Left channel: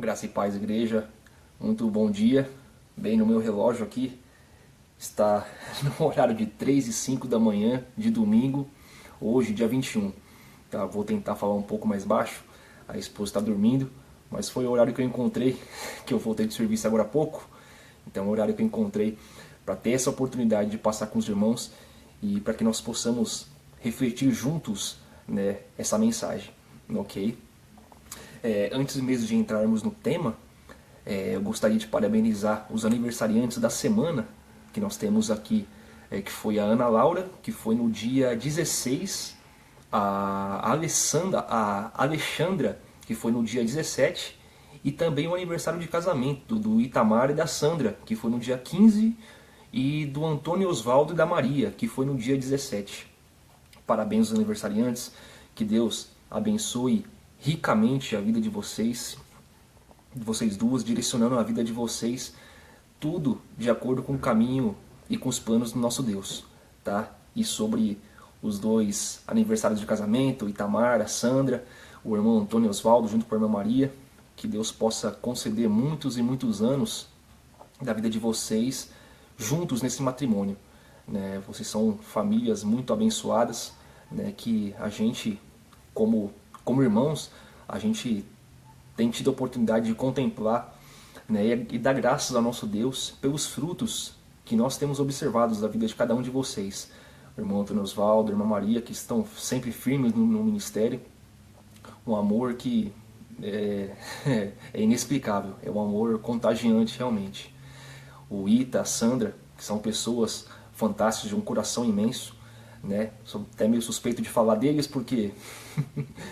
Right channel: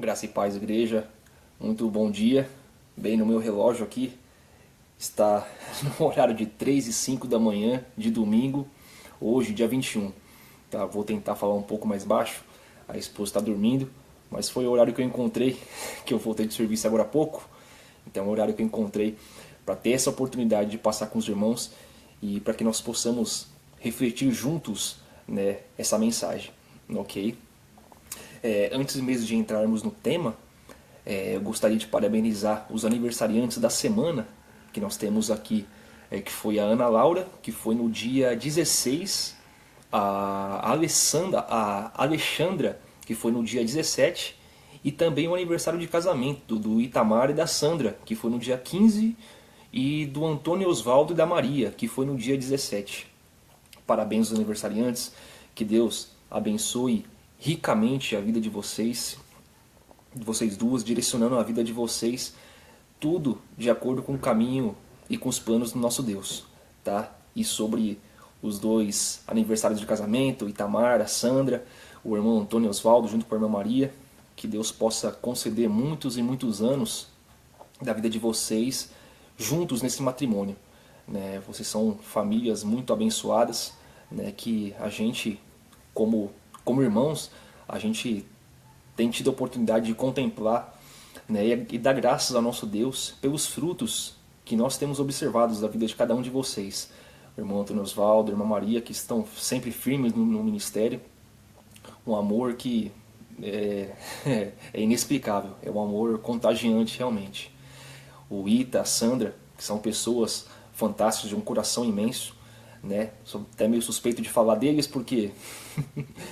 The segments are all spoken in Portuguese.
Graça e paz, igreja. Muito bom dia. Bem, no meu relógio aqui está no horário de 3h05 da manhã de domingo, hoje, dia 21. Tá, vou tentar falar um pouco mais baixo. A esposa está dormindo, mas foi o horário que eu encontrei, que eu voltei de serviço agora há pouco. Então é o horário que eu encontrei para ter essa oportunidade de passar com os irmãos e para que nós possamos refletir juntos, né, essa mensagem. Ok? Antes mesmo de entrarmos no tema, eu gostaria de parabenizar os aniversariantes da semana que nós temos aqui, que foi a Ana Laura, que foi no dia 16, a Alexandra, que foi no dia 17, e também o aniversário de casamento do Itamar e da Sandra, que foi no dia 15, e do Antônio Osvaldo e da Maria, que foi no dia 17. Parabéns aos aniversariantes, que Deus abençoe ricamente a vida de vocês duas, direcionando a vida de vocês, tudo de acordo com o caminho e com os planos do nosso Deus, tá? E sobre os dois aniversários de casamento, o Itamar, a Sandra, o irmão Antônio Osvaldo junto com a irmã Maria, que Deus possa conceder muitos e muitos anos da vida de vocês juntos nesse matrimônio, né? Vocês são famílias muito abençoadas, né? Que a gente, como irmãos, a gente tem tido a oportunidade de contemplar, né, e dar graças ao nosso Deus pelos frutos que nós temos observados da vida de cada um de vocês. O irmão Antônio Osvaldo, a irmã Maria, que estão sempre firmes no ministério. Um amor que é inexplicável, é um amor contagiante realmente. O Ita, a Sandra, que são pessoas fantásticas, de um coração imenso, né? Sou até meio suspeito de falar deles porque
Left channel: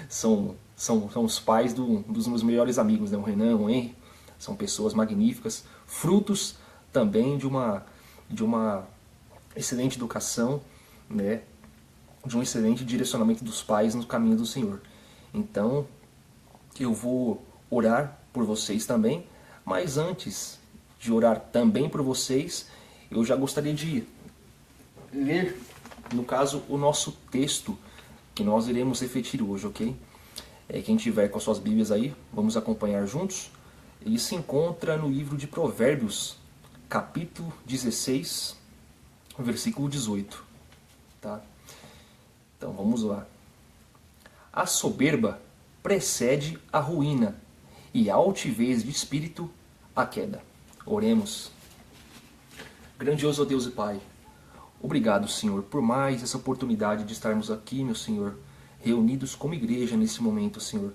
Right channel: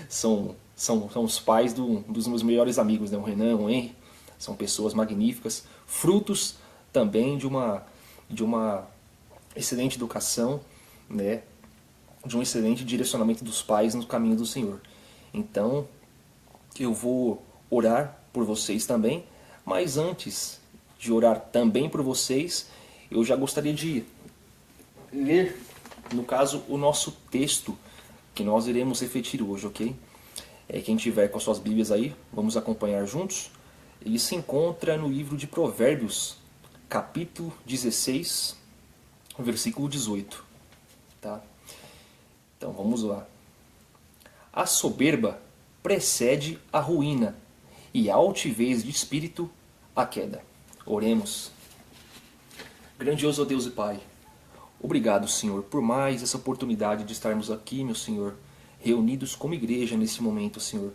são os pais dos meus melhores amigos, né? O Renan, o Henry, são pessoas magníficas, frutos também de uma excelente educação, né? De um excelente direcionamento dos pais no caminho do Senhor. Então, eu vou orar por vocês também, mas antes de orar também por vocês, eu já gostaria de ler, no caso, o nosso texto que nós iremos refletir hoje, ok? Quem tiver com as suas Bíblias aí, vamos acompanhar juntos. Ele se encontra no livro de Provérbios, capítulo 16, versículo 18. Tá? Então vamos lá. A soberba precede a ruína, e a altivez de espírito a queda. Oremos. Grandioso Deus e Pai, obrigado, Senhor, por mais essa oportunidade de estarmos aqui, meu Senhor, reunidos como igreja nesse momento, Senhor,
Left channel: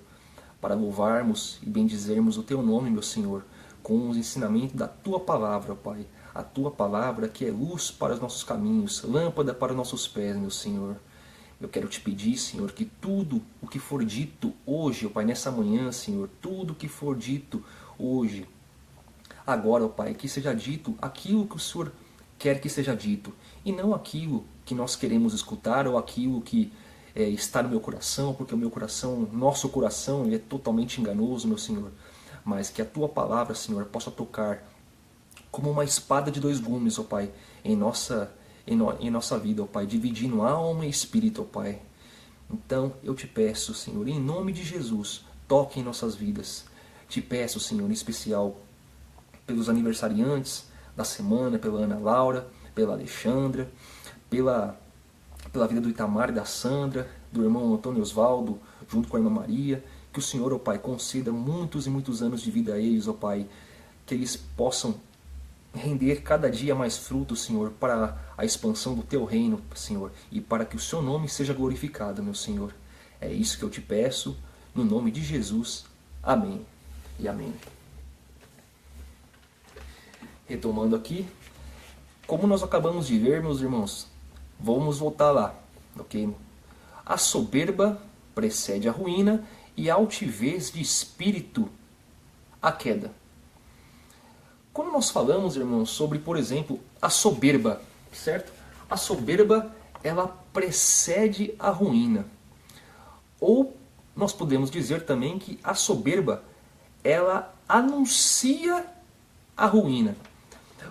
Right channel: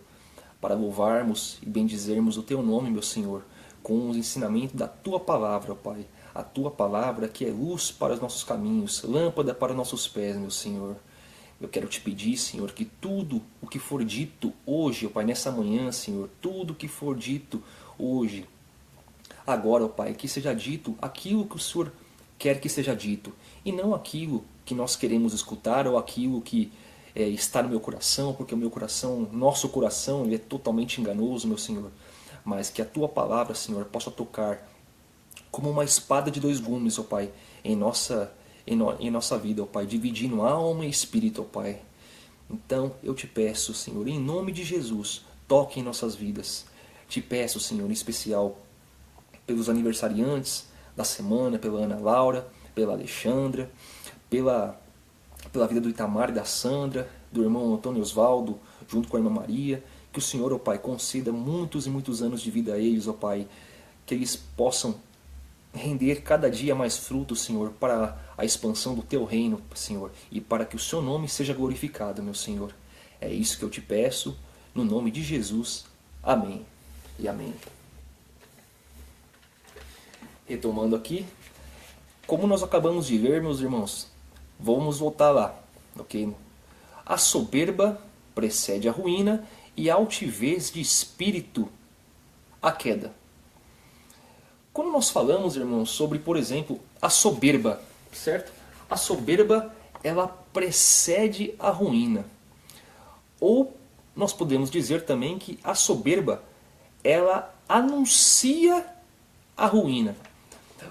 para louvarmos e bendizermos o Teu nome, meu Senhor, com os ensinamentos da Tua Palavra, Pai. A Tua Palavra que é luz para os nossos caminhos, lâmpada para os nossos pés, meu Senhor. Eu quero te pedir, Senhor, que tudo o que for dito hoje, ó Pai, nessa manhã, Senhor, tudo o que for dito hoje, agora, ó Pai, que seja dito aquilo que o Senhor quer que seja dito, e não aquilo que nós queremos escutar ou aquilo que está no meu coração, porque o meu coração, nosso coração, ele é totalmente enganoso, meu Senhor. Mas que a Tua Palavra, Senhor, possa tocar como uma espada de dois gumes, ó Pai, em nossa vida, ó Pai, dividindo alma e espírito, ó Pai. Então, eu te peço, Senhor, em nome de Jesus, toque em nossas vidas. Te peço, Senhor, em especial pelos aniversariantes da semana, pela Ana Laura, pela Alexandra, pela vida do Itamar e da Sandra, do irmão Antônio Osvaldo, junto com a irmã Maria. Que o Senhor, ó Pai, conceda muitos e muitos anos de vida a eles, ó Pai. Que eles possam render cada dia mais frutos, Senhor, para a expansão do Teu reino, Senhor, e para que o Seu nome seja glorificado, meu Senhor. É isso que eu te peço, no nome de Jesus. Amém e amém. Retomando aqui, como nós acabamos de ver, meus irmãos, vamos voltar lá, ok? A soberba precede a ruína e a altivez de espírito a queda. Quando nós falamos, irmãos, sobre, por exemplo, a soberba, certo? A soberba, ela precede a ruína. Ou nós podemos dizer também que a soberba, ela anuncia a ruína.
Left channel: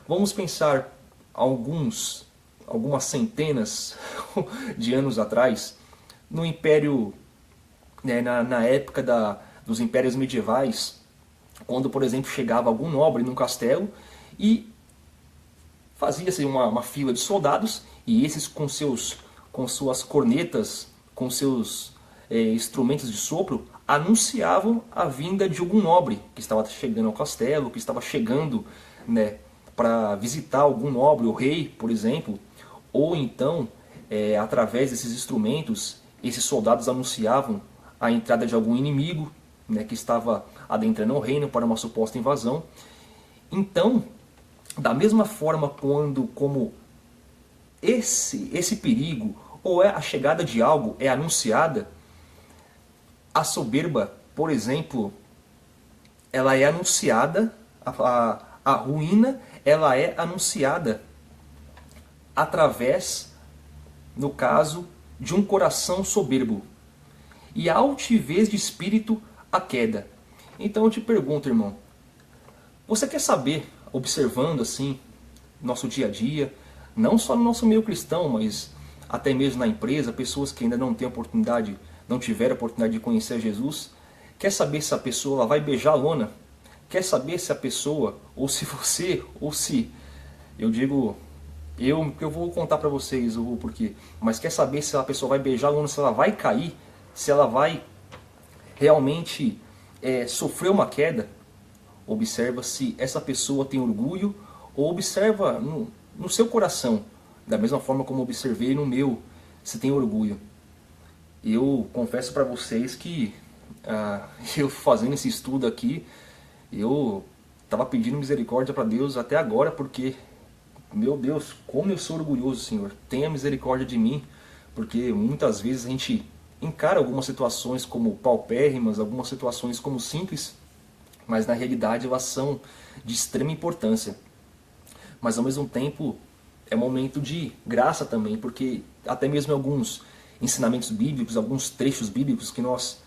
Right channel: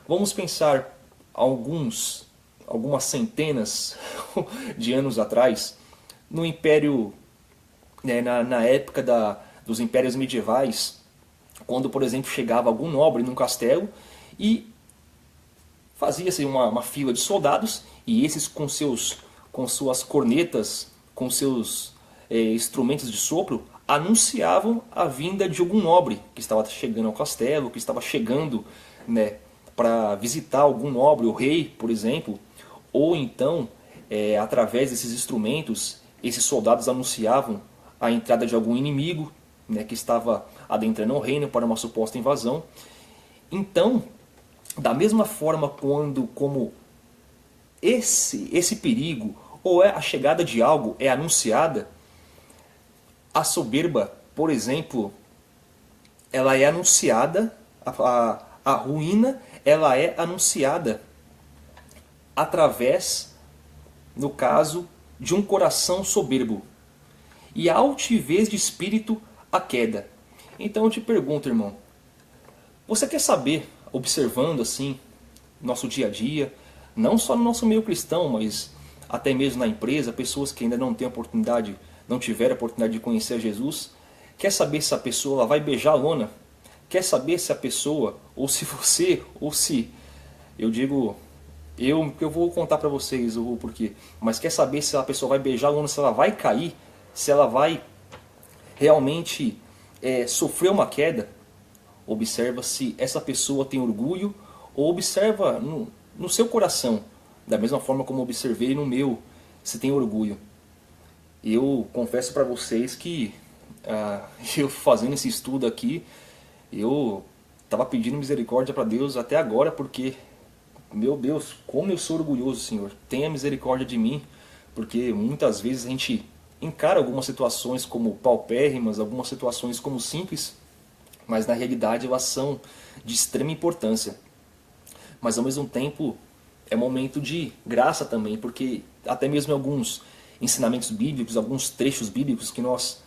Vamos pensar algumas centenas de anos atrás, no Império, né, na época dos impérios medievais, quando, por exemplo, chegava algum nobre num castelo e fazia-se uma fila de soldados, e esses com suas cornetas, com seus instrumentos de sopro, anunciavam a vinda de algum nobre que estava chegando ao castelo, que estava chegando, né, para visitar algum nobre, o rei, por exemplo. Ou então, através desses instrumentos, esses soldados anunciavam a entrada de algum inimigo, né, que estava adentrando o reino para uma suposta invasão. Então, da mesma forma como esse perigo ou a chegada de algo é anunciada, a soberba, por exemplo, ela é anunciada, a ruína, ela é anunciada através, no caso, de um coração soberbo. E a altivez de espírito, a queda. Então eu te pergunto, irmão, você quer saber, observando assim, nosso dia a dia, não só no nosso meio cristão, mas até mesmo na empresa, pessoas que ainda não têm oportunidade, não tiveram a oportunidade de conhecer Jesus, quer saber se a pessoa ela vai beijar a lona? Quer saber se a pessoa, ou se você, ou se, eu digo, eu vou contar para vocês o porquê, mas quer saber se a pessoa vai beijar a lona, se ela vai cair, se ela vai realmente sofrer uma queda? Observa se essa pessoa tem orgulho, ou observa no seu coração, da mesma forma como observei no meu, se tem orgulho. Eu confesso para vocês que eu fazendo esse estudo aqui, eu estava pedindo misericórdia para Deus até agora, porque, meu Deus, como eu sou orgulhoso, Senhor. Tenha misericórdia de mim, porque muitas vezes a gente encara algumas situações como paupérrimas, algumas situações como simples, mas na realidade elas são de extrema importância. Mas ao mesmo tempo é momento de graça também, porque até mesmo alguns ensinamentos bíblicos, alguns trechos bíblicos que nós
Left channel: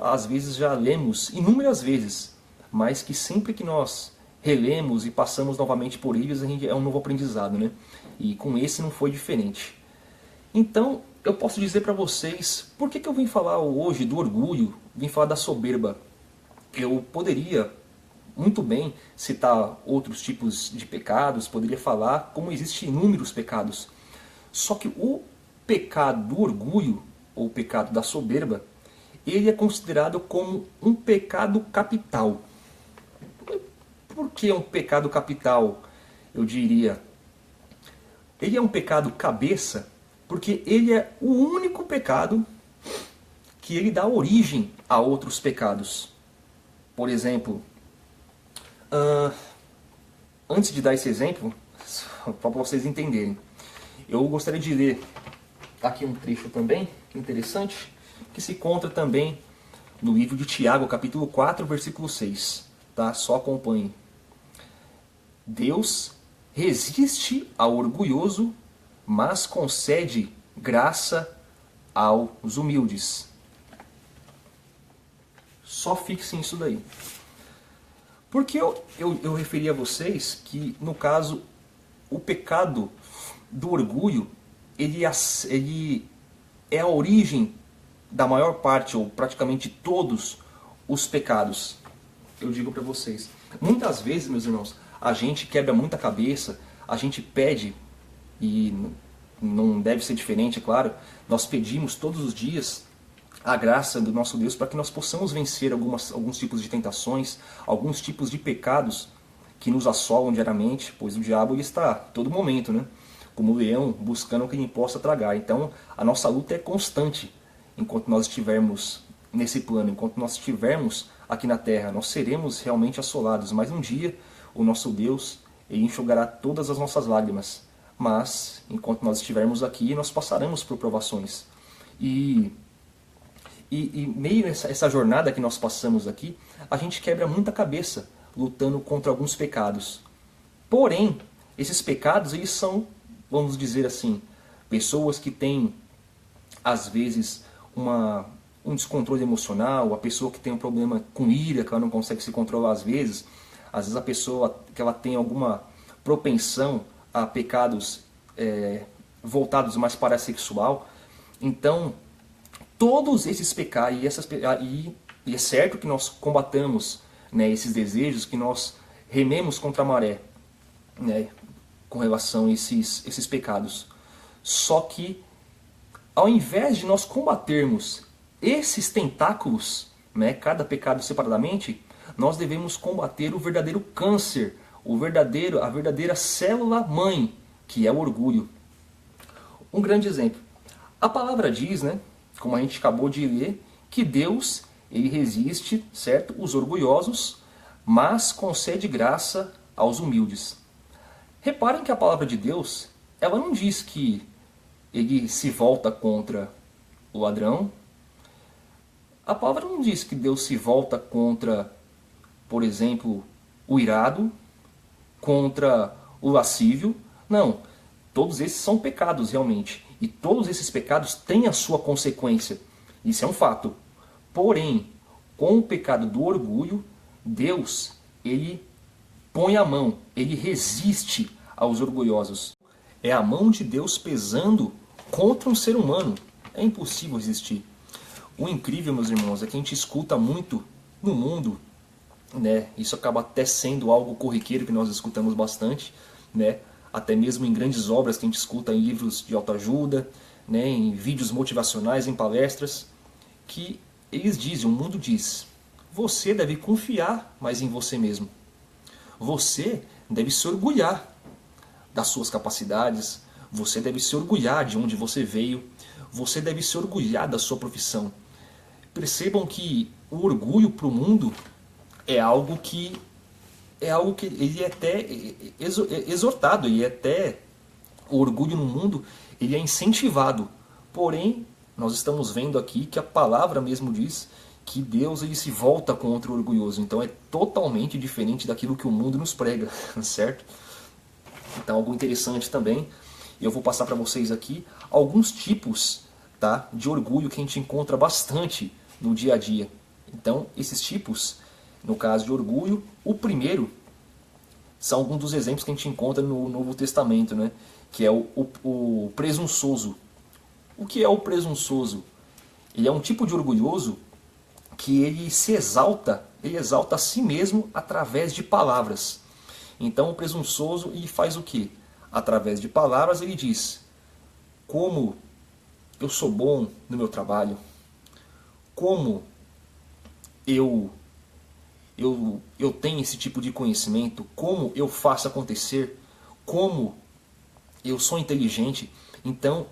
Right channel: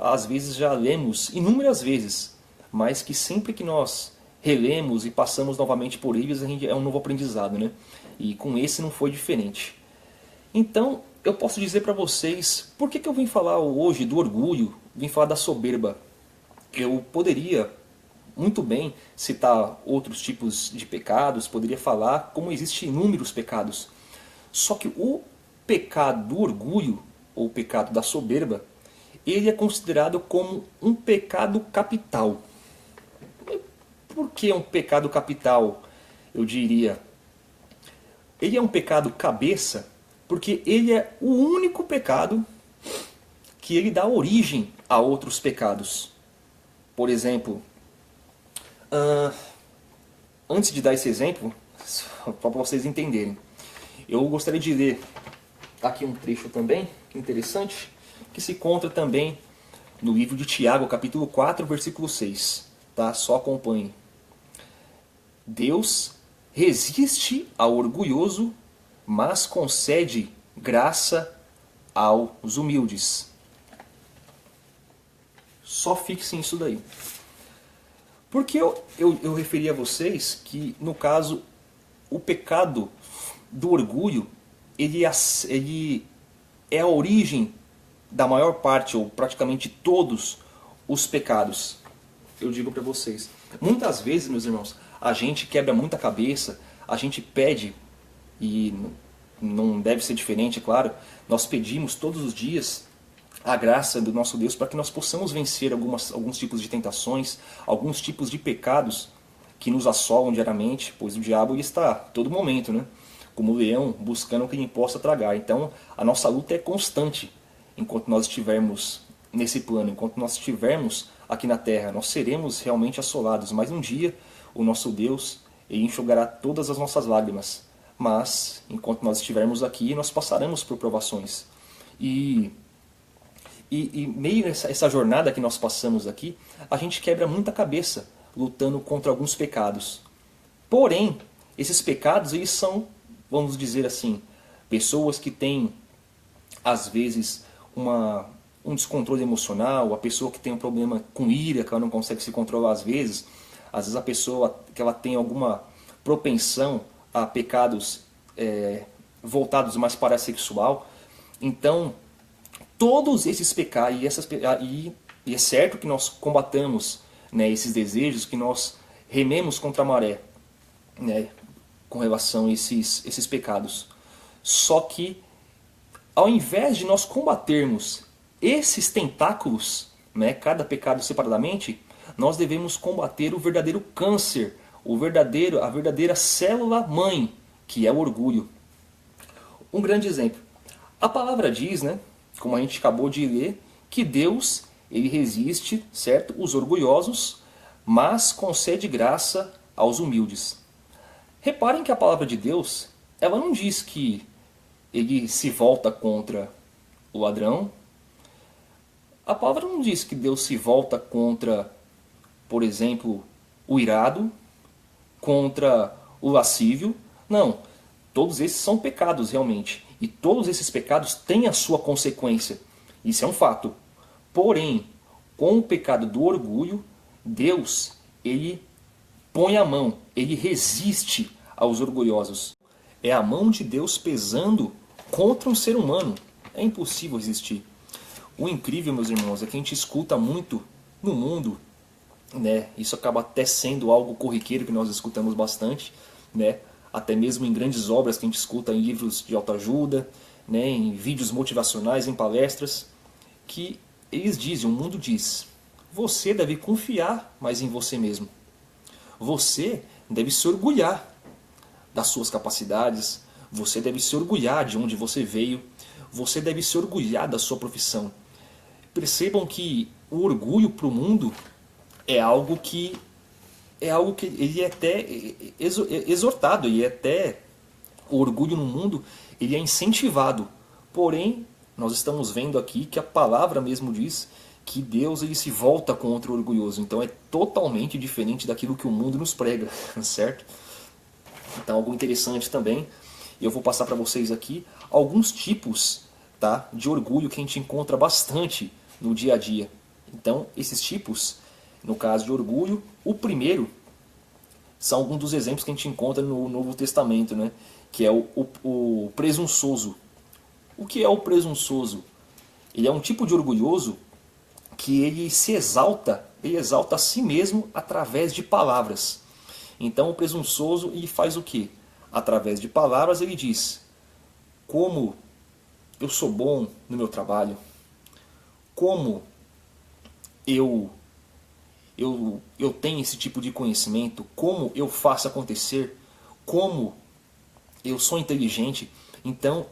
às vezes já lemos inúmeras vezes, mas que sempre que nós relemos e passamos novamente por eles, é um novo aprendizado, né? E com esse não foi diferente. Então, eu posso dizer para vocês, por que eu vim falar hoje do orgulho, vim falar da soberba? Eu poderia muito bem citar outros tipos de pecados, poderia falar como existem inúmeros pecados. Só que o pecado do orgulho, ou o pecado da soberba, ele é considerado como um pecado capital. Por que um pecado capital, eu diria? Ele é um pecado cabeça, porque ele é o único pecado que ele dá origem a outros pecados. Por exemplo, antes de dar esse exemplo, para vocês entenderem, eu gostaria de ler aqui um trecho também, interessante, que se encontra também no livro de Tiago, capítulo 4, versículo 6. Tá? Só acompanhe. Deus resiste ao orgulhoso, mas concede graça aos humildes. Só fixem isso daí. Porque eu referi a vocês que, no caso, o pecado do orgulho, ele é a origem da maior parte, ou praticamente todos, os pecados. Eu digo para vocês. Muitas vezes, meus irmãos, a gente quebra muita cabeça, a gente pede, e não deve ser diferente, é claro, nós pedimos todos os dias a graça do nosso Deus para que nós possamos vencer alguns tipos de tentações, alguns tipos de pecados que nos assolam diariamente, pois o diabo ele está a todo momento, né? Como o leão, buscando quem possa tragar. Então, a nossa luta é constante enquanto nós estivermos nesse plano, enquanto nós estivermos aqui na terra. Nós seremos realmente assolados, mas um dia o nosso Deus ele enxugará todas as nossas lágrimas. Mas, enquanto nós estivermos aqui, nós passaremos por provações. E meio nessa jornada que nós passamos aqui, a gente quebra muita cabeça lutando contra alguns pecados. Porém, esses pecados eles são, vamos dizer assim, pessoas que têm, às vezes, um descontrole emocional, a pessoa que tem um problema com ira, que ela não consegue se controlar às vezes a pessoa que ela tem alguma propensão a pecados voltados mais para a sexual. Então, todos esses pecados, e é certo que nós combatamos né, esses desejos, que nós rememos contra a maré, né, com relação a esses pecados. Só que, ao invés de nós combatermos esses tentáculos, né, cada pecado separadamente, nós devemos combater o verdadeiro câncer, a verdadeira célula-mãe, que é o orgulho. Um grande exemplo. A palavra diz, né, como a gente acabou de ler, que Deus, ele resiste, certo, os orgulhosos, mas concede graça aos humildes. Reparem que a palavra de Deus, ela não diz que ele se volta contra o ladrão. A palavra não diz que Deus se volta contra, por exemplo, o irado, contra o lascívio. Não, todos esses são pecados realmente. E todos esses pecados têm a sua consequência. Isso é um fato. Porém, com o pecado do orgulho, Deus, ele põe a mão, ele resiste aos orgulhosos. É a mão de Deus pesando contra um ser humano. É impossível resistir. O incrível, meus irmãos, é que a gente escuta muito no mundo, né? Isso acaba até sendo algo corriqueiro que nós escutamos bastante, né? Até mesmo em grandes obras que a gente escuta em livros de autoajuda, né? Em vídeos motivacionais, em palestras, que eles dizem, o mundo diz, você deve confiar mais em você mesmo. Você deve se orgulhar das suas capacidades, você deve se orgulhar de onde você veio, você deve se orgulhar da sua profissão. Percebam que o orgulho para o mundo é algo que ele é até exortado, e até o orgulho no mundo ele é incentivado. Porém, nós estamos vendo aqui que a palavra mesmo diz que Deus ele se volta contra o orgulhoso. Então é totalmente diferente daquilo que o mundo nos prega, certo? Então algo interessante também, eu vou passar para vocês aqui alguns tipos, tá, de orgulho que a gente encontra bastante no dia a dia. Então esses tipos, no caso de orgulho, o primeiro são alguns dos exemplos que a gente encontra no Novo Testamento, né? Que é o presunçoso. O que é o presunçoso? Ele é um tipo de orgulhoso que ele exalta a si mesmo através de palavras. Então o presunçoso ele faz o quê? Através de palavras ele diz, como eu sou bom no meu trabalho, como eu tenho esse tipo de conhecimento, como eu faço acontecer, como eu sou inteligente. Então,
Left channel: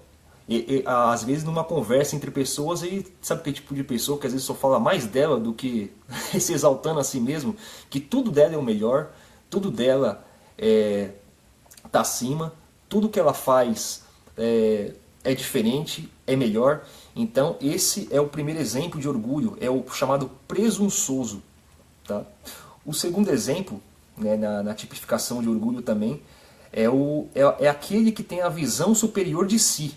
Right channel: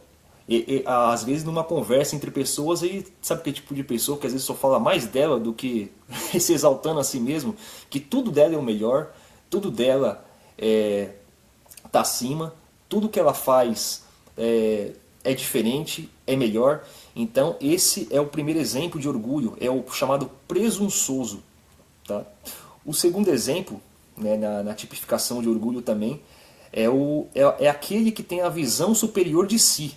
às vezes numa conversa entre pessoas, ele sabe que tipo de pessoa que às vezes só fala mais dela do que se exaltando a si mesmo, que tudo dela é o melhor, tudo dela está acima, tudo que ela faz é diferente, é melhor. Então esse é o primeiro exemplo de orgulho, é o chamado presunçoso. Tá? O segundo exemplo, né, na tipificação de orgulho também, é aquele que tem a visão superior de si.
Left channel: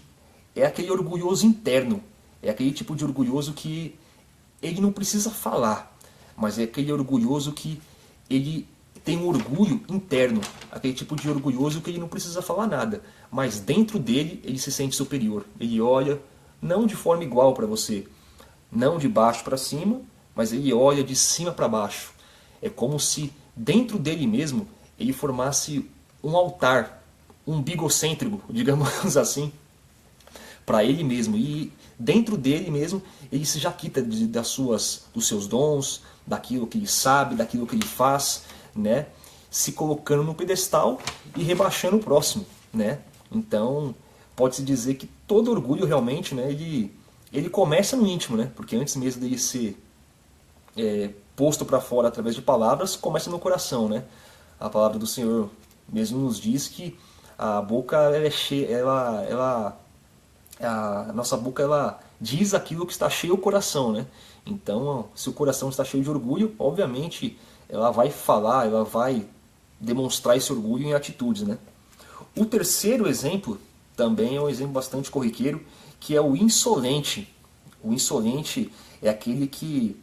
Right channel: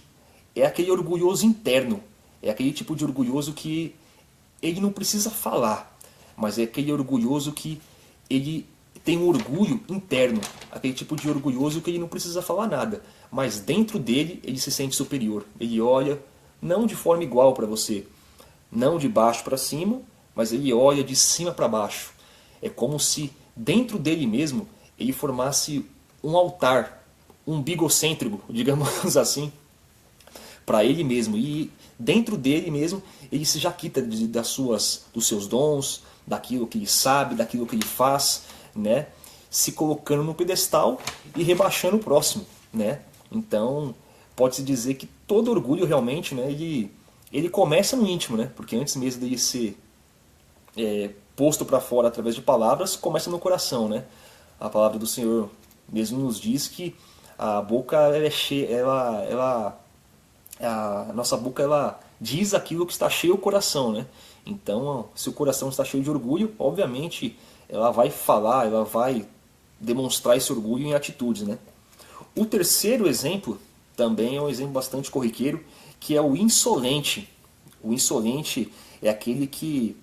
É aquele orgulhoso interno. É aquele tipo de orgulhoso que ele não precisa falar, mas é aquele orgulhoso que ele tem um orgulho interno. Aquele tipo de orgulhoso que ele não precisa falar nada, mas dentro dele ele se sente superior. Ele olha não de forma igual para você, não de baixo para cima, mas ele olha de cima para baixo. É como se dentro dele mesmo ele formasse um altar, um bigocêntrico, digamos assim, para ele mesmo. E dentro dele mesmo ele se jaquita dos seus dons, daquilo que ele sabe, daquilo que ele faz, né? Se colocando no pedestal e rebaixando o próximo, né? Então pode-se dizer que todo orgulho realmente, né, ele começa no íntimo, né? Porque antes mesmo dele ser posto para fora através de palavras, começa no coração, né? A palavra do Senhor mesmo nos diz que a boca ela é cheia, a nossa boca ela diz aquilo que está cheio o coração, né? Então, se o coração está cheio de orgulho, obviamente ela vai falar, ela vai demonstrar esse orgulho em atitudes, né? O terceiro exemplo também é um exemplo bastante corriqueiro, que é o insolente. O insolente é aquele que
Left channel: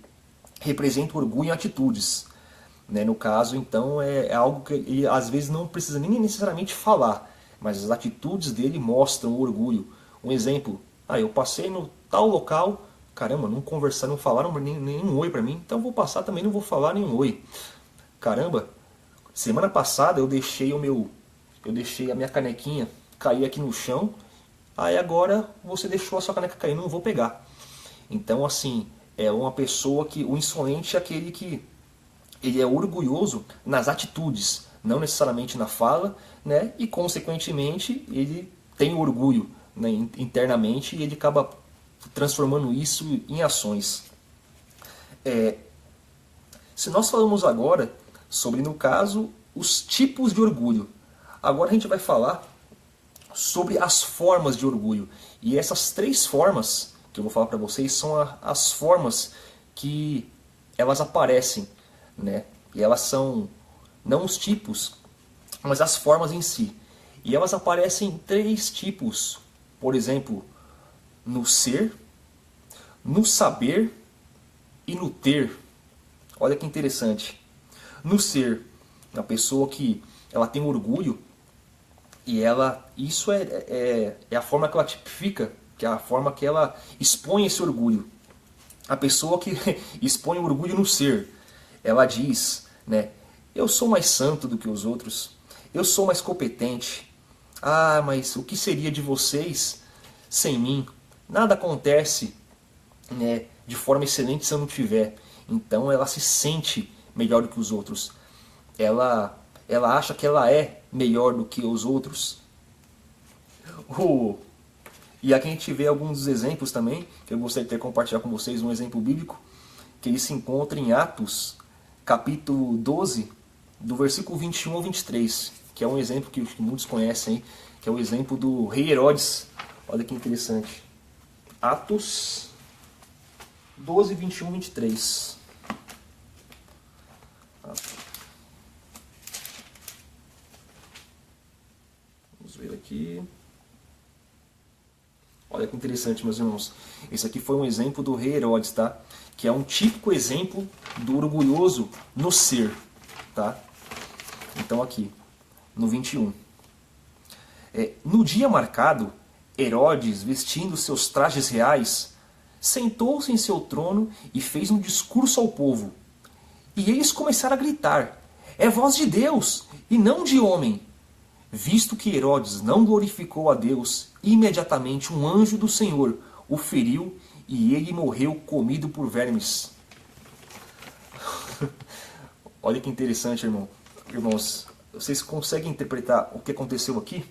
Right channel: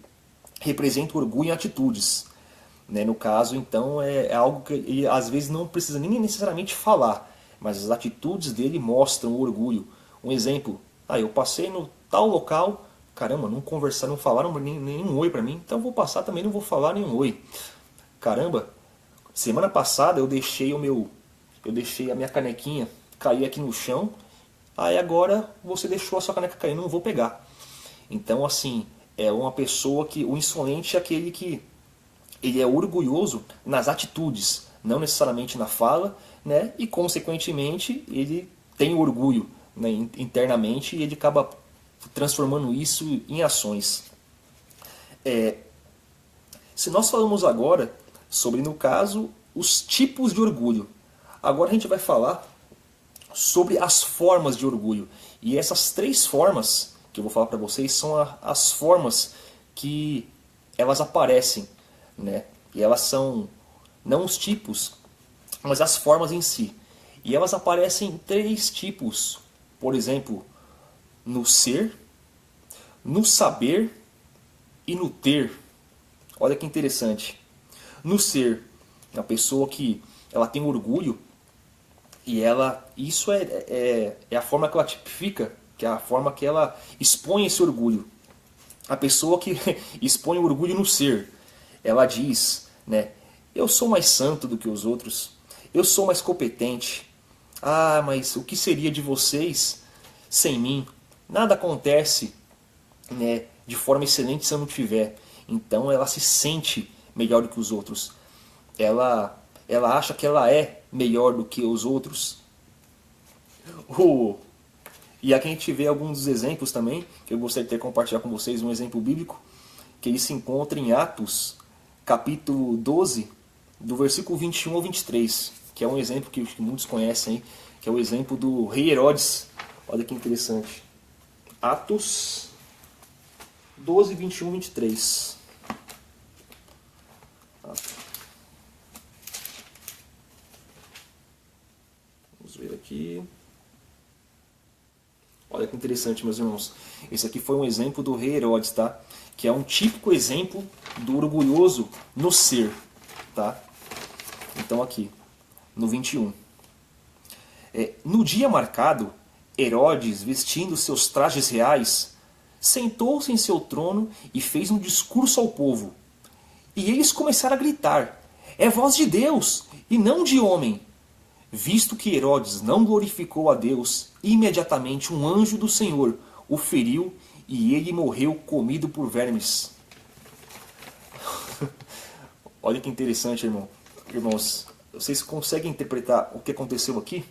representa o orgulho em atitudes, né? No caso, então, é algo que ele às vezes não precisa nem necessariamente falar, mas as atitudes dele mostram o orgulho. Um exemplo, eu passei no tal local, Caramba, não conversaram, não falaram nenhum oi pra mim, então eu vou passar também, não vou falar nenhum oi. Caramba, semana passada eu deixei a minha canequinha cair aqui no chão, aí agora você deixou a sua caneca cair, não vou pegar. Então, assim, é uma pessoa que, o insolente é aquele que ele é orgulhoso nas atitudes, não necessariamente na fala, né? E consequentemente ele tem orgulho, né, internamente, e ele acaba transformando isso em ações. Se nós falamos agora sobre, no caso, os tipos de orgulho, agora a gente vai falar sobre as formas de orgulho. E essas 3 formas que eu vou falar para vocês são as formas que elas aparecem, né? E elas são não os tipos, mas as formas em si. E elas aparecem em 3 tipos. Por exemplo, no ser, no saber e no ter. Olha que interessante. No ser, a pessoa que ela tem orgulho e isso é a forma que ela tipifica, que é a forma que ela expõe esse orgulho. A pessoa que expõe o orgulho no ser, ela diz, né, eu sou mais santo do que os outros, eu sou mais competente. Ah, mas o que seria de vocês sem mim? Nada acontece, né, de forma excelente se eu não tiver. Então ela se sente melhor do que os outros. Ela acha que ela é melhor do que os outros. E aqui a gente vê alguns exemplos também, que eu gostaria de compartilhar com vocês, um exemplo bíblico, que ele se encontra em Atos, capítulo 12, do versículo 21 ao 23, que é um exemplo que muitos conhecem, que é o exemplo do rei Herodes. Olha que interessante. Atos 12, 21, 23. Vamos ver aqui. Olha que interessante, meus irmãos. Esse aqui foi um exemplo do rei Herodes, tá? Que é um típico exemplo do orgulhoso no ser, tá? Então aqui, no 21. No dia marcado, Herodes, vestindo seus trajes reais, sentou-se em seu trono e fez um discurso ao povo. E eles começaram a gritar, é voz de Deus e não de homem. Visto que Herodes não glorificou a Deus, imediatamente um anjo do Senhor o feriu e ele morreu comido por vermes. Olha que interessante, irmãos. Vocês conseguem interpretar o que aconteceu aqui?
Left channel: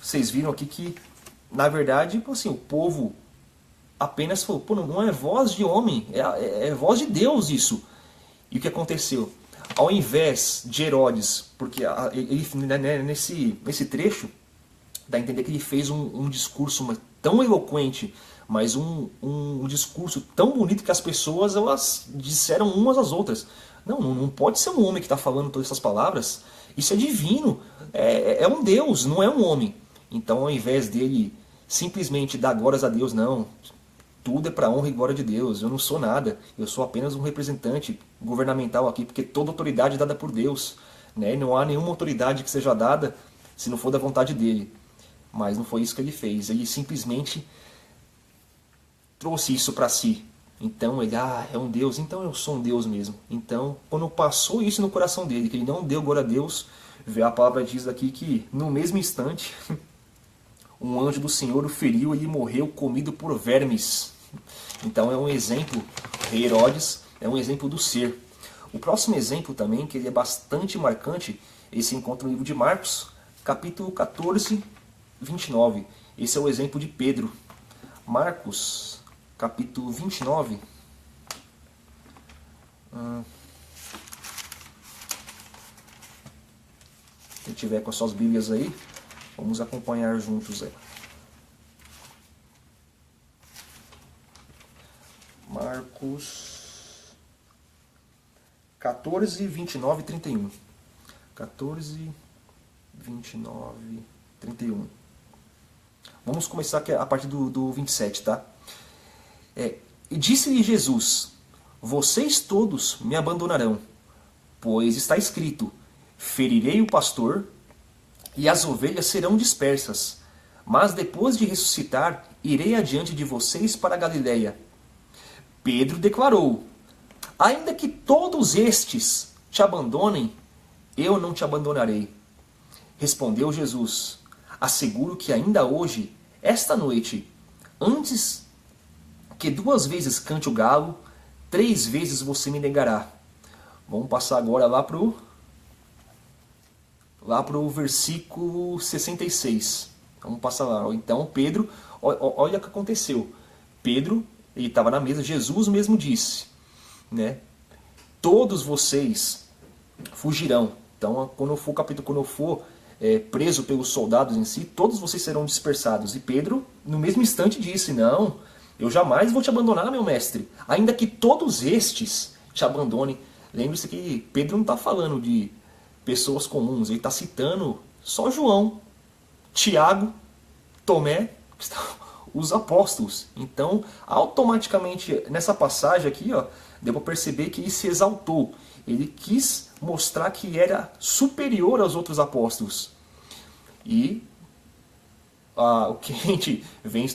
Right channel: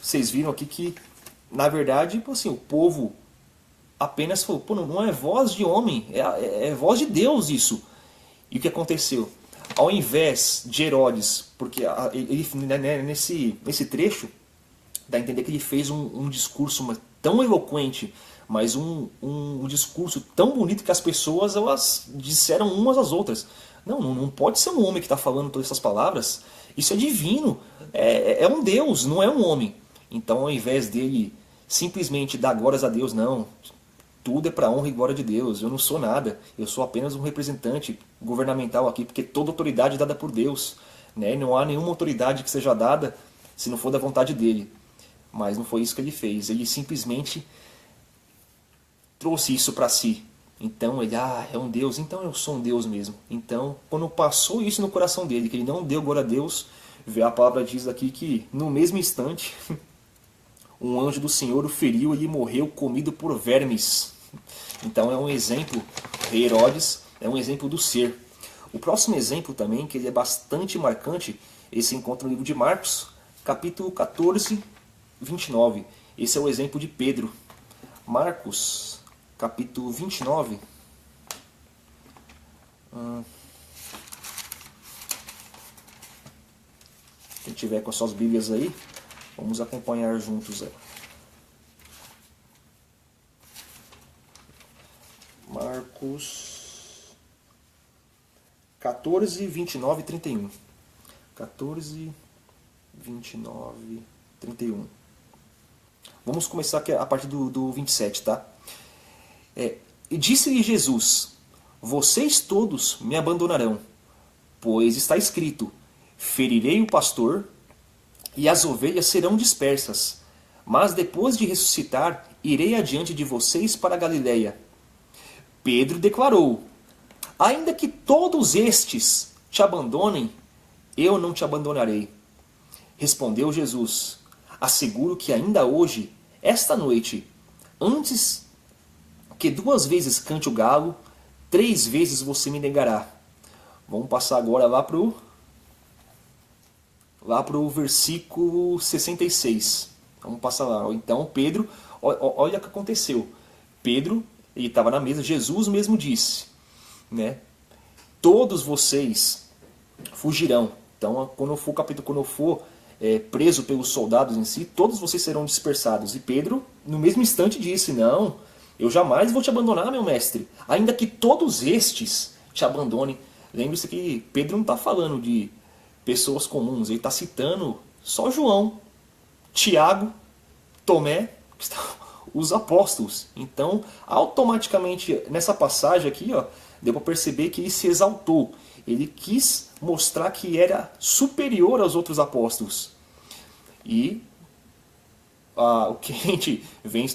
Vocês viram aqui que, na verdade, assim, o povo apenas falou, pô, não é voz de homem, é voz de Deus isso. E o que aconteceu? Ao invés de Herodes, porque ele, nesse trecho, dá a entender que ele fez um discurso tão eloquente, mas um discurso tão bonito que as pessoas elas disseram umas às outras. Não pode ser um homem que está falando todas essas palavras, isso é divino, é um Deus, não é um homem. Então, ao invés dele simplesmente dar glórias a Deus, não, tudo é para a honra e glória de Deus, eu não sou nada, eu sou apenas um representante governamental aqui, porque toda autoridade é dada por Deus, né? Não há nenhuma autoridade que seja dada se não for da vontade dele. Mas não foi isso que ele fez, ele simplesmente trouxe isso para si. Então ele, é um Deus, então eu sou um Deus mesmo. Então, quando passou isso no coração dele, que ele não deu glória a Deus, a palavra diz aqui que no mesmo instante, um anjo do Senhor o feriu e ele morreu comido por vermes. Então é um exemplo, rei Herodes é um exemplo do ser. O próximo exemplo também, que ele é bastante marcante, ele se encontra no livro de Marcos, capítulo 14, 29. Esse é o exemplo de Pedro. Marcos, capítulo 29. Quem tiver com as suas Bíblias aí, vamos acompanhar juntos aí. Marcos 14, 29 e 31. 14, 29, 31. Vamos começar aqui a partir do 27, tá? E disse-lhe Jesus, vocês todos me abandonarão, pois está escrito, ferirei o pastor e as ovelhas serão dispersas. Mas depois de ressuscitar, irei adiante de vocês para a Galiléia. Pedro declarou: ainda que todos estes te abandonem, eu não te abandonarei. Respondeu Jesus: asseguro que ainda hoje, esta noite, antes que 2 vezes cante o galo, 3 vezes você me negará. Vamos passar agora lá pro versículo 66. Vamos passar lá. Então Pedro, olha o que aconteceu. Pedro, ele estava na mesa, Jesus mesmo disse, né? Todos vocês fugirão. Então, quando eu for preso pelos soldados em si, todos vocês serão dispersados. E Pedro, no mesmo instante, disse: não, eu jamais vou te abandonar, meu mestre, ainda que todos estes te abandonem. Lembre-se que Pedro não está falando de pessoas comuns, ele está citando só João, Tiago, Tomé, os apóstolos. Então, automaticamente, nessa passagem aqui, ó, deu para perceber que ele se exaltou. Ele quis mostrar que era superior aos outros apóstolos. E o que a gente vem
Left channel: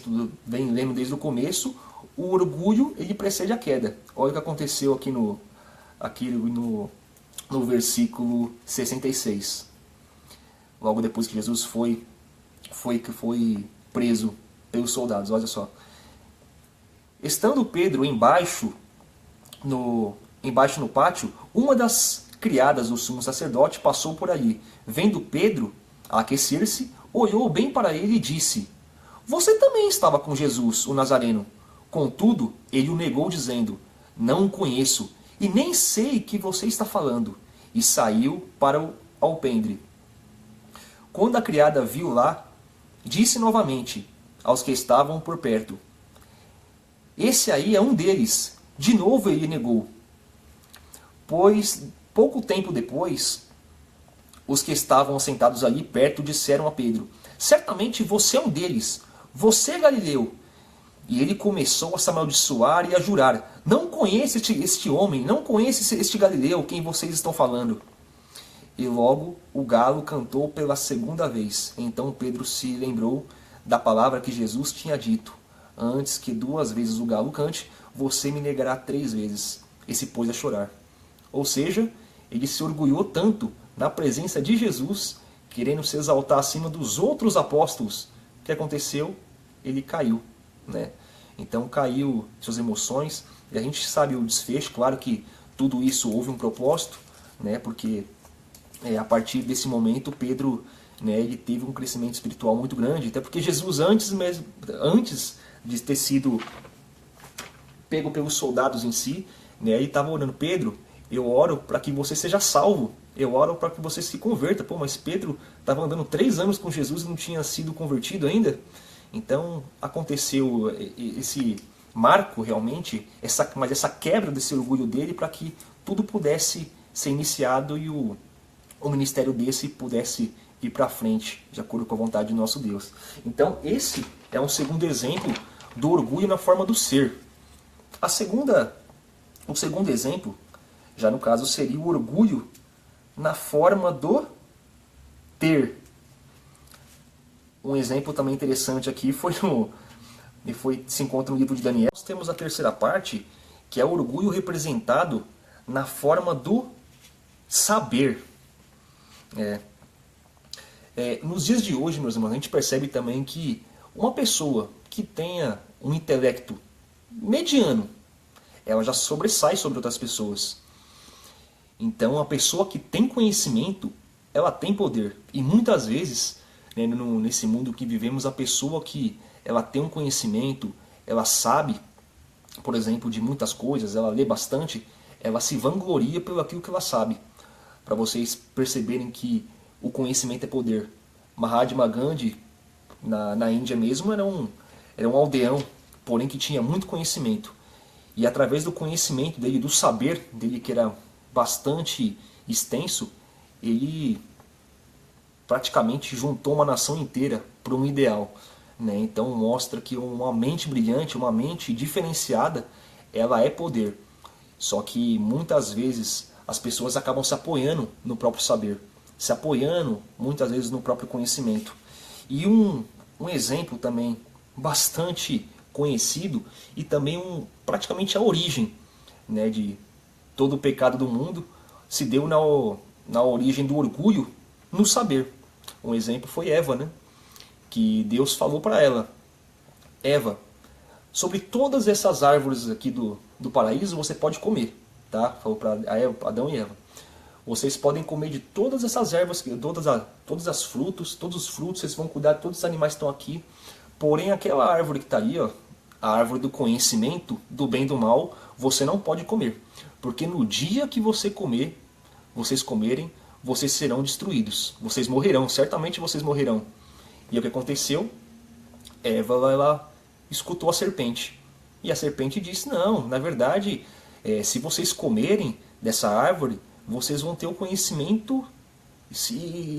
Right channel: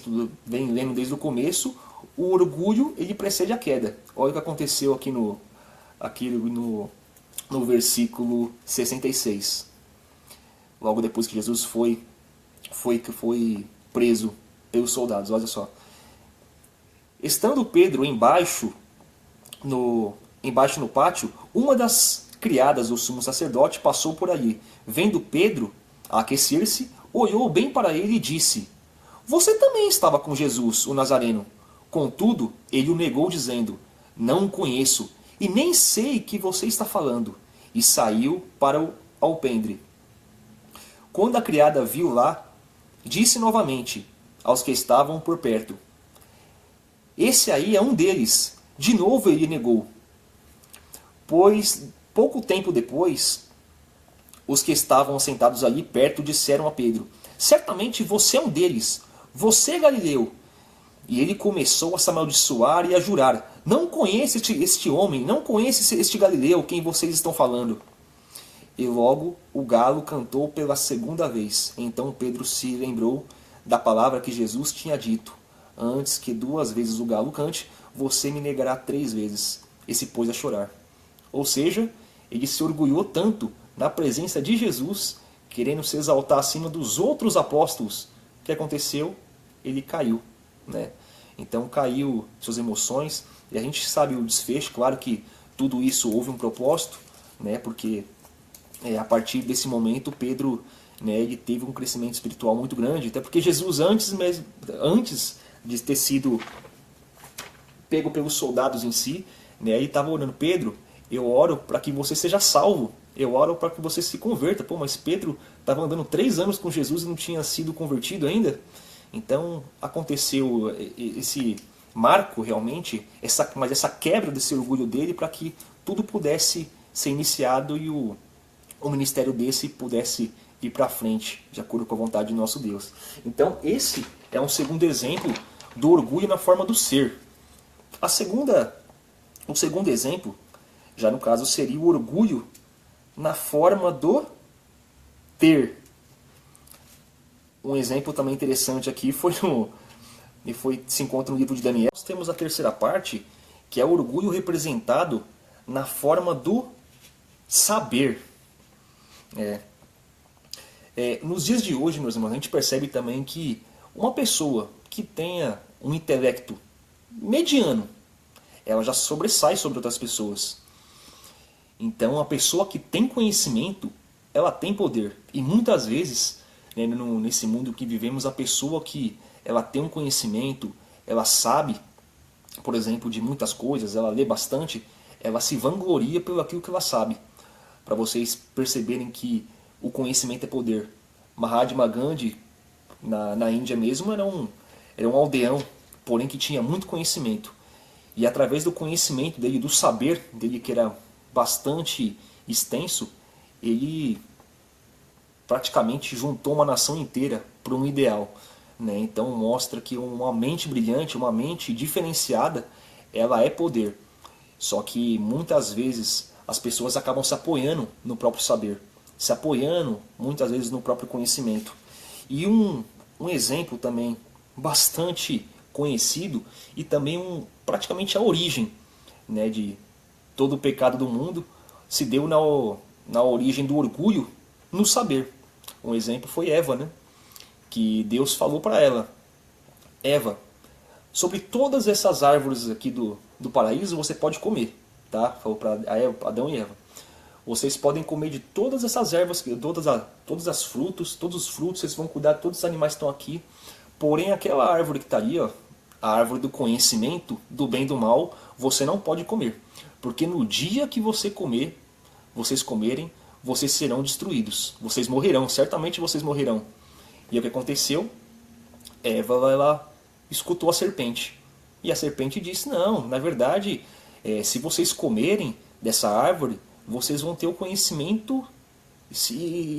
lendo desde o começo, o orgulho ele precede a queda. Olha o que aconteceu aqui no versículo 66. Logo depois que Jesus foi preso pelos soldados. Olha só. Estando Pedro embaixo no pátio, uma das criadas do sumo sacerdote passou por ali. Vendo Pedro a aquecer-se, olhou bem para ele e disse: você também estava com Jesus, o Nazareno. Contudo, ele o negou, dizendo: não o conheço, e nem sei que você está falando. E saiu para o alpendre. Quando a criada viu lá, disse novamente aos que estavam por perto: esse aí é um deles. De novo ele negou. Pois, pouco tempo depois, os que estavam sentados ali perto disseram a Pedro: certamente você é um deles, você, Galileu. E ele começou a se amaldiçoar e a jurar: não conheço este homem, não conheço este Galileu, quem vocês estão falando. E logo o galo cantou pela segunda vez. Então Pedro se lembrou da palavra que Jesus tinha dito: antes que 2 vezes o galo cante, você me negará 3 vezes. E se pôs a chorar. Ou seja, ele se orgulhou tanto na presença de Jesus, querendo se exaltar acima dos outros apóstolos. O que aconteceu? Ele caiu, né? Então caiu suas emoções, e a gente sabe o desfecho. Claro que tudo isso houve um propósito, né? Porque a partir desse momento Pedro, né, ele teve um crescimento espiritual muito grande, até porque Jesus antes de ter sido pego pelos soldados em si, né, ele estava orando: Pedro, eu oro para que você seja salvo, eu oro para que você se converta. Pô, mas Pedro estava andando 3 anos com Jesus e não tinha sido convertido ainda. Então aconteceu esse marco realmente, mas essa quebra desse orgulho dele, para que tudo pudesse ser iniciado e o ministério desse pudesse ir para frente, de acordo com a vontade de nosso Deus. Então esse é um segundo exemplo do orgulho na forma do ser. O segundo exemplo, já no caso, seria o orgulho na forma do ter. Um exemplo também interessante aqui se encontra no livro de Daniel. Nós temos a terceira parte, que é o orgulho representado na forma do saber. Nos dias de hoje, meus irmãos, a gente percebe também que uma pessoa que tenha um intelecto mediano, ela já sobressai sobre outras pessoas. Então, a pessoa que tem conhecimento, ela tem poder. E muitas vezes, né, nesse mundo que vivemos, a pessoa que ela tem um conhecimento, ela sabe, por exemplo, de muitas coisas, ela lê bastante, ela se vangloria pelo aquilo que ela sabe. Para vocês perceberem que o conhecimento é poder. Mahatma Gandhi, na Índia mesmo, era um aldeão, porém que tinha muito conhecimento. E através do conhecimento dele, do saber dele, que era bastante extenso, ele praticamente juntou uma nação inteira para um ideal, né? Então mostra que uma mente brilhante, uma mente diferenciada, ela é poder. Só que muitas vezes as pessoas acabam se apoiando no próprio saber, se apoiando muitas vezes no próprio conhecimento. E um exemplo também bastante conhecido e também praticamente a origem, né, de todo o pecado do mundo se deu na origem do orgulho no saber. Um exemplo foi Eva, né, que Deus falou para ela: Eva, sobre todas essas árvores aqui do paraíso você pode comer. Tá? Falou para Adão e Eva. Vocês podem comer de todas essas ervas, todos os frutos, vocês vão cuidar de todos os animais que estão aqui. Porém, aquela árvore que está ali, ó, a árvore do conhecimento do bem e do mal, você não pode comer. Porque no dia que vocês comerem, vocês serão destruídos. Vocês morrerão, certamente vocês morrerão. E o que aconteceu? Eva vai lá, escutou a serpente. E a serpente disse: não, na verdade, se vocês comerem dessa árvore, vocês vão ter o conhecimento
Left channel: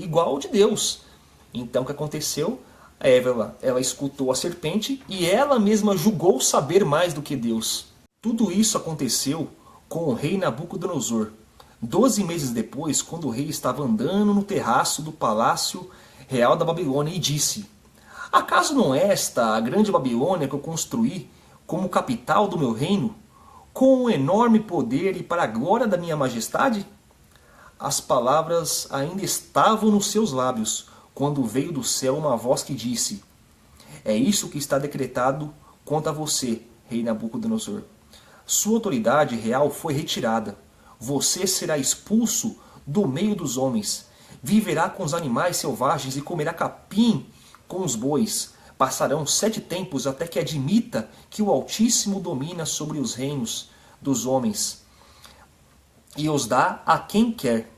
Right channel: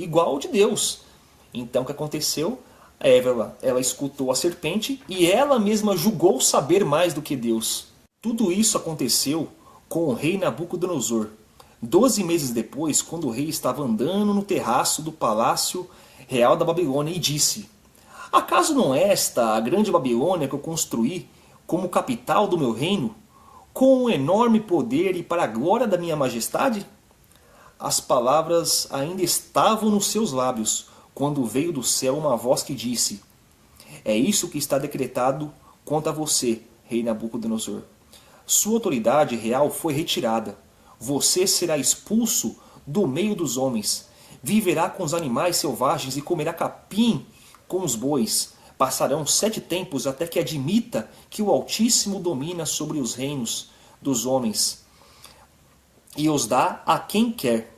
igual ao de Deus. Então o que aconteceu? Ela escutou a serpente e ela mesma julgou saber mais do que Deus. Tudo isso aconteceu com o rei Nabucodonosor. 12 meses depois, quando o rei estava andando no terraço do palácio real da Babilônia e disse: acaso não é esta a grande Babilônia que eu construí como capital do meu reino, com um enorme poder e para a glória da minha majestade? As palavras ainda estavam nos seus lábios, quando veio do céu uma voz que disse: é isso que está decretado contra você, rei Nabucodonosor. Sua autoridade real foi retirada. Você será expulso do meio dos homens. Viverá com os animais selvagens e comerá capim com os bois. Passarão 7 tempos até que admita que o Altíssimo domina sobre os reinos dos homens e os dá a quem quer.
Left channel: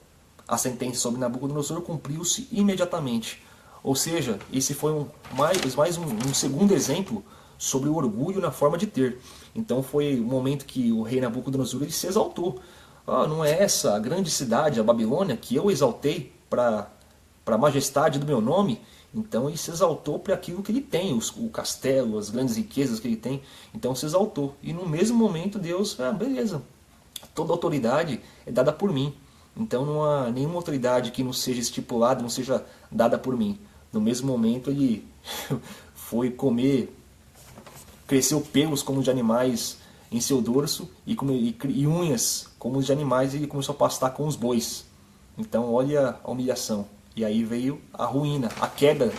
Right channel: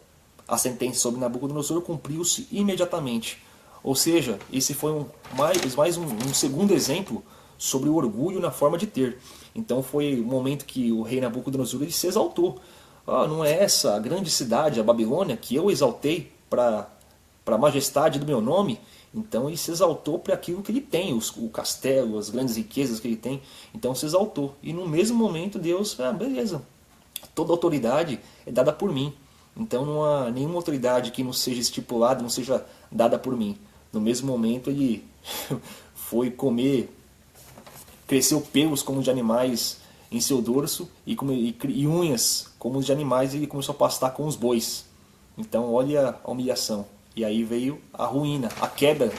A sentença sobre Nabucodonosor cumpriu-se imediatamente. Ou seja, esse foi mais um segundo exemplo sobre o orgulho na forma de ter. Então foi o momento que o rei Nabucodonosor ele se exaltou. Não é essa a grande cidade, a Babilônia, que eu exaltei para a majestade do meu nome? Então ele se exaltou para aquilo que ele tem, o castelo, as grandes riquezas que ele tem. Então se exaltou. E no mesmo momento Deus falou: beleza, toda autoridade é dada por mim. Então não há nenhuma autoridade que não seja estipulada, não seja dada por mim. No mesmo momento ele foi comer, cresceu pelos como de animais em seu dorso e unhas como os de animais, e ele começou a pastar com os bois. Então olha a humilhação. E aí veio a ruína, a queda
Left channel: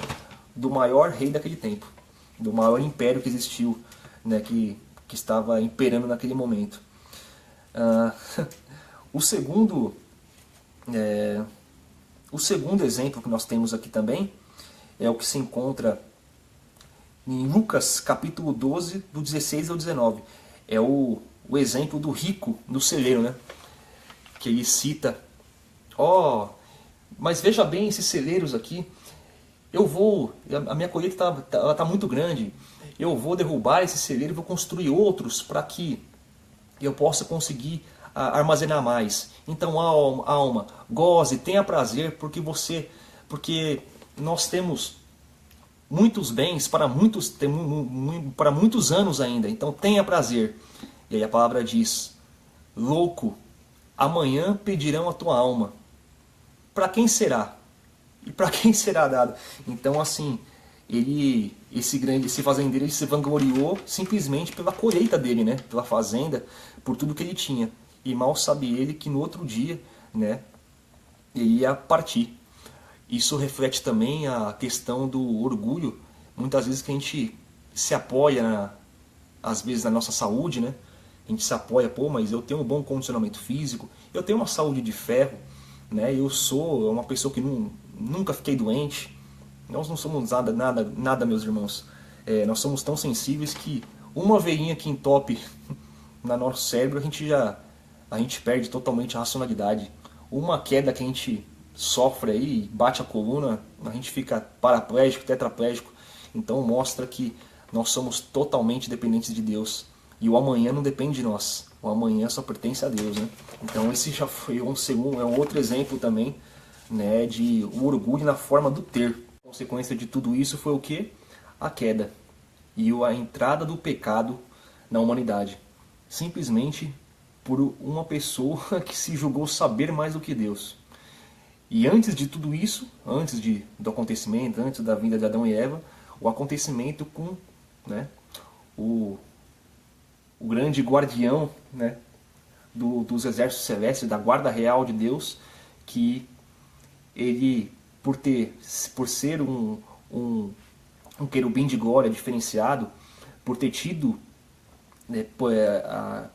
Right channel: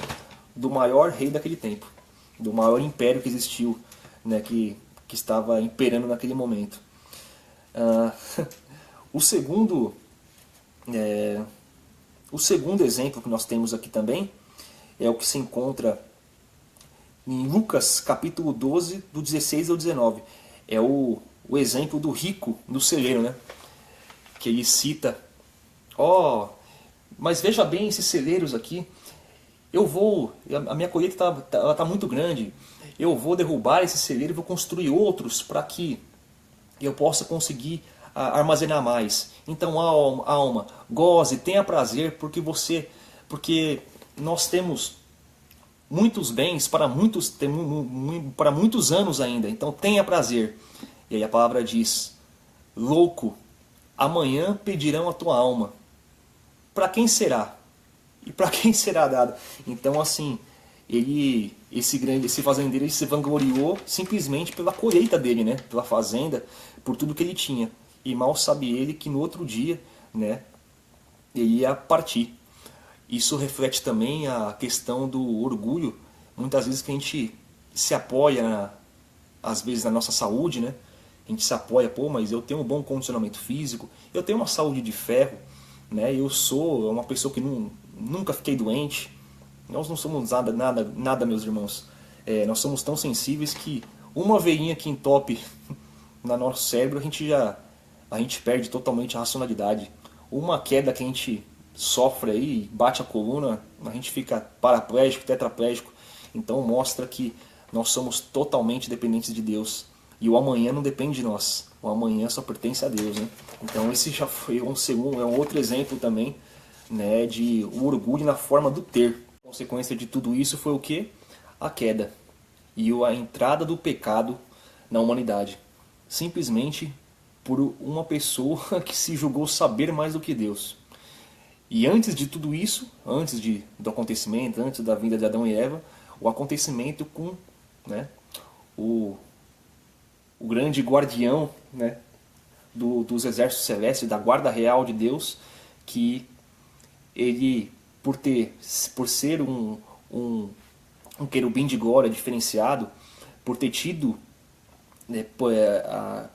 do maior rei daquele tempo, do maior império que existiu, né, que estava imperando naquele momento. O segundo exemplo que nós temos aqui também é o que se encontra em Lucas capítulo 12, do 16 ao 19. É o exemplo do rico do celeiro, né? Que ele cita: mas veja bem esses celeiros aqui, a minha colheita tá muito grande, eu vou derrubar esse celeiro e vou construir outros para que eu possa conseguir armazenar mais. Então, alma, goze, tenha prazer, porque nós temos muitos bens para muitos anos ainda. Então, tenha prazer. E aí a palavra diz: louco, amanhã pedirão a tua alma. Para quem será? E para quem será dado? Então, assim, esse fazendeiro, ele se vangloriou simplesmente pela colheita dele, né? Pela fazenda, por tudo que ele tinha. E mal sabe ele que no outro dia, né, ele ia partir. Isso reflete também a questão do orgulho. Muitas vezes que a gente se apoia, às vezes, na nossa saúde, né? A gente se apoia, mas eu tenho um bom condicionamento físico, eu tenho uma saúde de ferro, né? Eu sou uma pessoa que nunca fiquei doente. Nós não somos nada, meus irmãos. Nós somos tão sensíveis que uma veinha que entope no nosso cérebro, a gente perde totalmente a racionalidade. Uma queda que a gente sofre aí, bate a coluna, a gente fica paraplégico, tetraplégico. Então mostra que nós somos totalmente dependentes de Deus. E o amanhã não depende de nós. O amanhã só pertence a Deus, né? Então esse já foi um outro exemplo também, né, de um orgulho na forma do ter. A consequência de tudo isso foi o quê? A queda e a entrada do pecado na humanidade. Simplesmente por uma pessoa que se julgou saber mais do que Deus. E antes de tudo isso, do acontecimento, antes da vinda de Adão e Eva, o acontecimento com né, o, o grande guardião, né, dos exércitos celestes, da guarda real de Deus, que ele, por ser um querubim de glória diferenciado, por ter tido, né,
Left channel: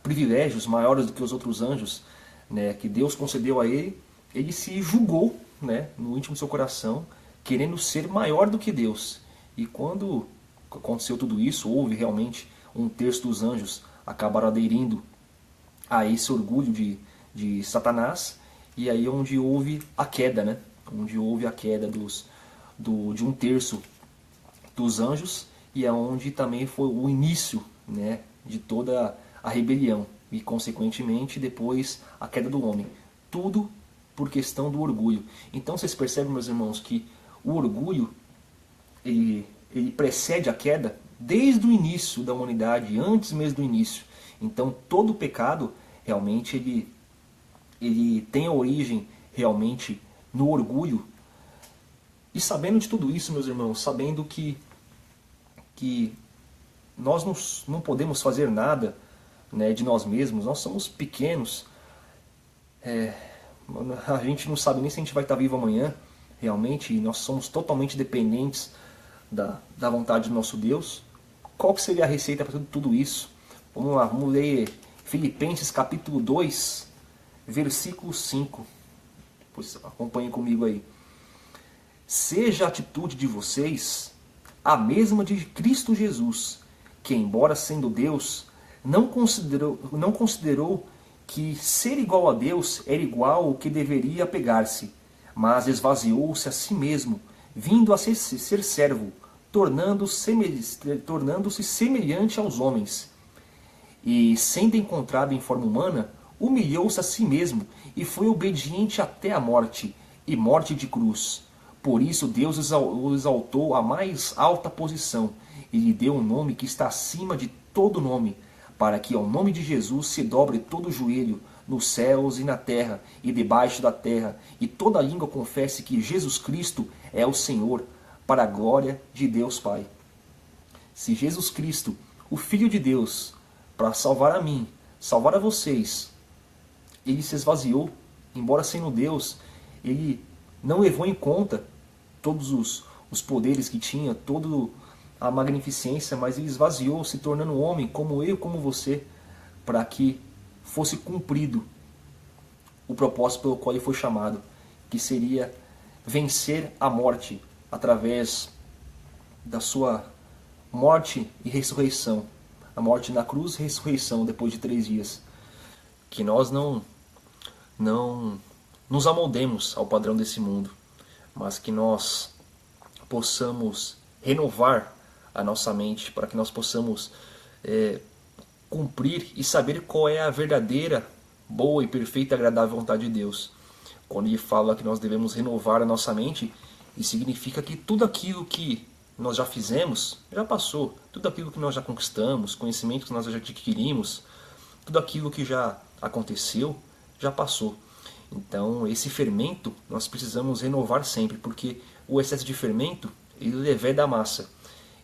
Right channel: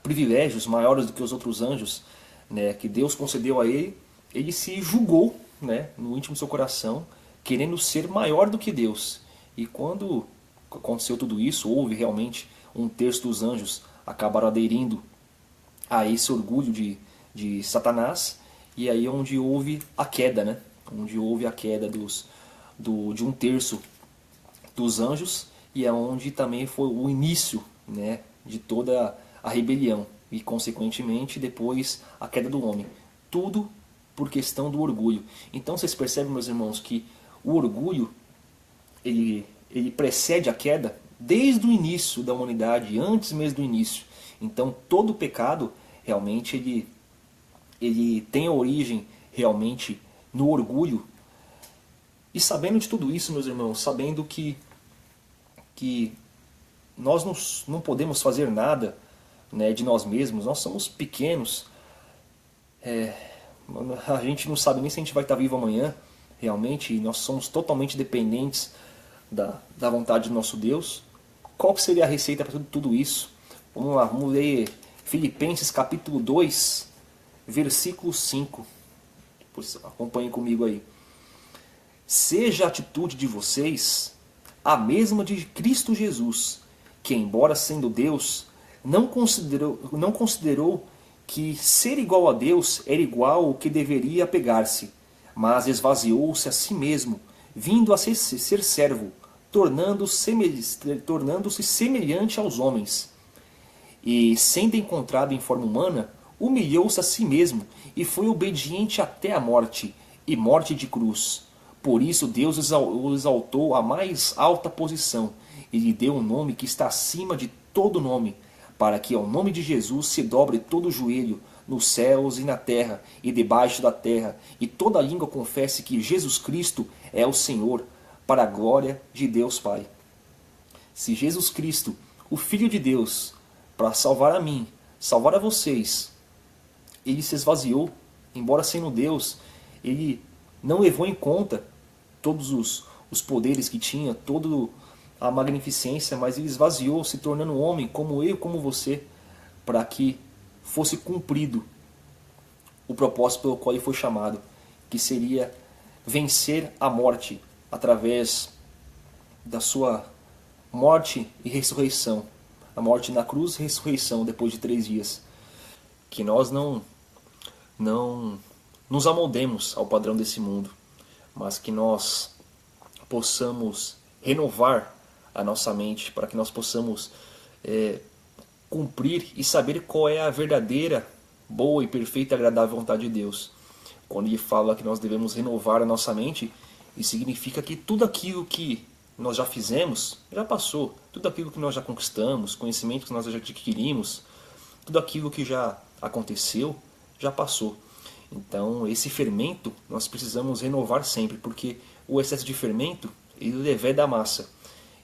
privilégios maiores do que os outros anjos, né, que Deus concedeu a ele, ele se julgou, né, no íntimo do seu coração, querendo ser maior do que Deus. E quando aconteceu tudo isso, houve realmente um terço dos anjos acabaram aderindo a esse orgulho de Satanás, e aí onde houve a queda, né? Onde houve a queda de um terço dos anjos, e é onde também foi o início, né, de toda a rebelião, e consequentemente depois a queda do homem. Tudo por questão do orgulho. Então vocês percebem, meus irmãos, que o orgulho ele precede a queda desde o início da humanidade, antes mesmo do início. Então todo pecado realmente ele tem a origem realmente no orgulho. E sabendo de tudo isso, meus irmãos, sabendo que nós não podemos fazer nada, né, de nós mesmos, nós somos pequenos, a gente não sabe nem se a gente vai estar vivo amanhã, realmente, e nós somos totalmente dependentes da vontade do nosso Deus. Qual que seria a receita para tudo isso? Vamos lá, vamos ler Filipenses capítulo 2, versículo 5. Acompanhem comigo aí. Seja a atitude de vocês a mesma de Cristo Jesus, que, embora sendo Deus, não considerou que ser igual a Deus era igual ao que deveria apegar-se, mas esvaziou-se a si mesmo, vindo a ser servo, tornando-se semelhante aos homens. E, sendo encontrado em forma humana, humilhou-se a si mesmo e foi obediente até a morte, e morte de cruz. Por isso Deus o exaltou à mais alta posição e lhe deu um nome que está acima de todo nome, para que ao nome de Jesus se dobre todo o joelho, nos céus e na terra e debaixo da terra, e toda língua confesse que Jesus Cristo é o Senhor, para a glória de Deus Pai. Se Jesus Cristo, o Filho de Deus, para salvar a mim, salvar a vocês, ele se esvaziou, embora sendo Deus, ele não levou em conta todos os poderes que tinha, toda a magnificência, mas ele esvaziou, se tornando homem, como eu, como você, para que fosse cumprido o propósito pelo qual ele foi chamado, que seria vencer a morte através da sua morte e ressurreição. A morte na cruz e ressurreição depois de 3 dias. Que nós não nos amoldemos ao padrão desse mundo, mas que nós possamos renovar a nossa mente, para que nós possamos cumprir e saber qual é a verdadeira, boa e perfeita e agradável vontade de Deus. Quando ele fala que nós devemos renovar a nossa mente, isso significa que tudo aquilo que nós já fizemos, já passou. Tudo aquilo que nós já conquistamos, conhecimento que nós já adquirimos, tudo aquilo que já aconteceu, já passou. Então, esse fermento nós precisamos renovar sempre, porque o excesso de fermento, ele leveda a massa.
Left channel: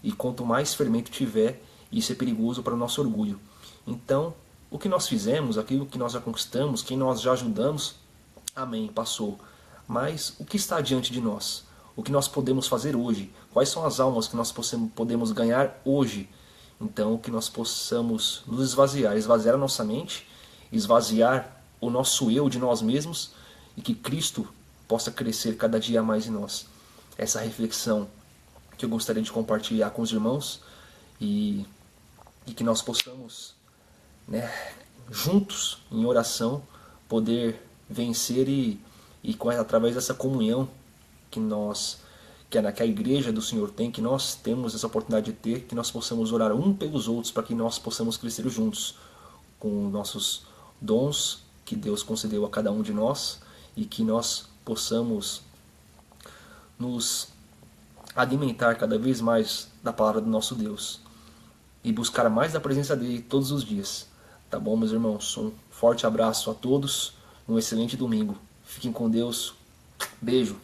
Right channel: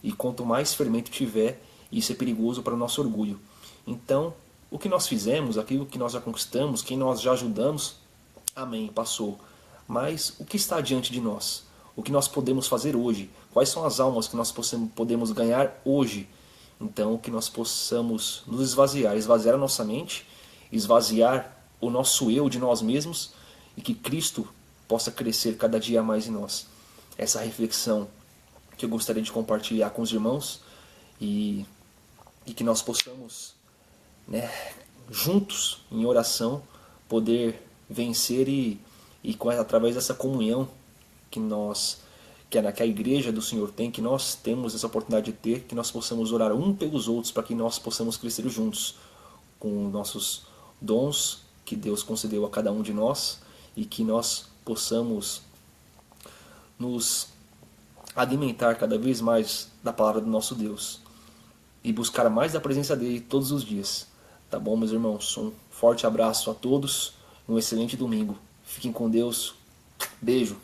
E quanto mais fermento tiver, isso é perigoso para o nosso orgulho. Então, o que nós fizemos, aquilo que nós já conquistamos, quem nós já ajudamos, amém, passou. Mas o que está diante de nós? O que nós podemos fazer hoje? Quais são as almas que nós podemos ganhar hoje? Então, que nós possamos nos esvaziar a nossa mente, esvaziar o nosso eu de nós mesmos, e que Cristo possa crescer cada dia mais em nós. Essa reflexão que eu gostaria de compartilhar com os irmãos, e que nós possamos, né, juntos, em oração, poder vencer e através dessa comunhão que a igreja do Senhor tem, que nós temos essa oportunidade de ter, que nós possamos orar um pelos outros, para que nós possamos crescer juntos com nossos dons que Deus concedeu a cada um de nós, e que nós possamos nos alimentar cada vez mais da palavra do nosso Deus e buscar mais da presença dele todos os dias. Tá bom, meus irmãos? Um forte abraço a todos, um excelente domingo. Fiquem com Deus. Beijo.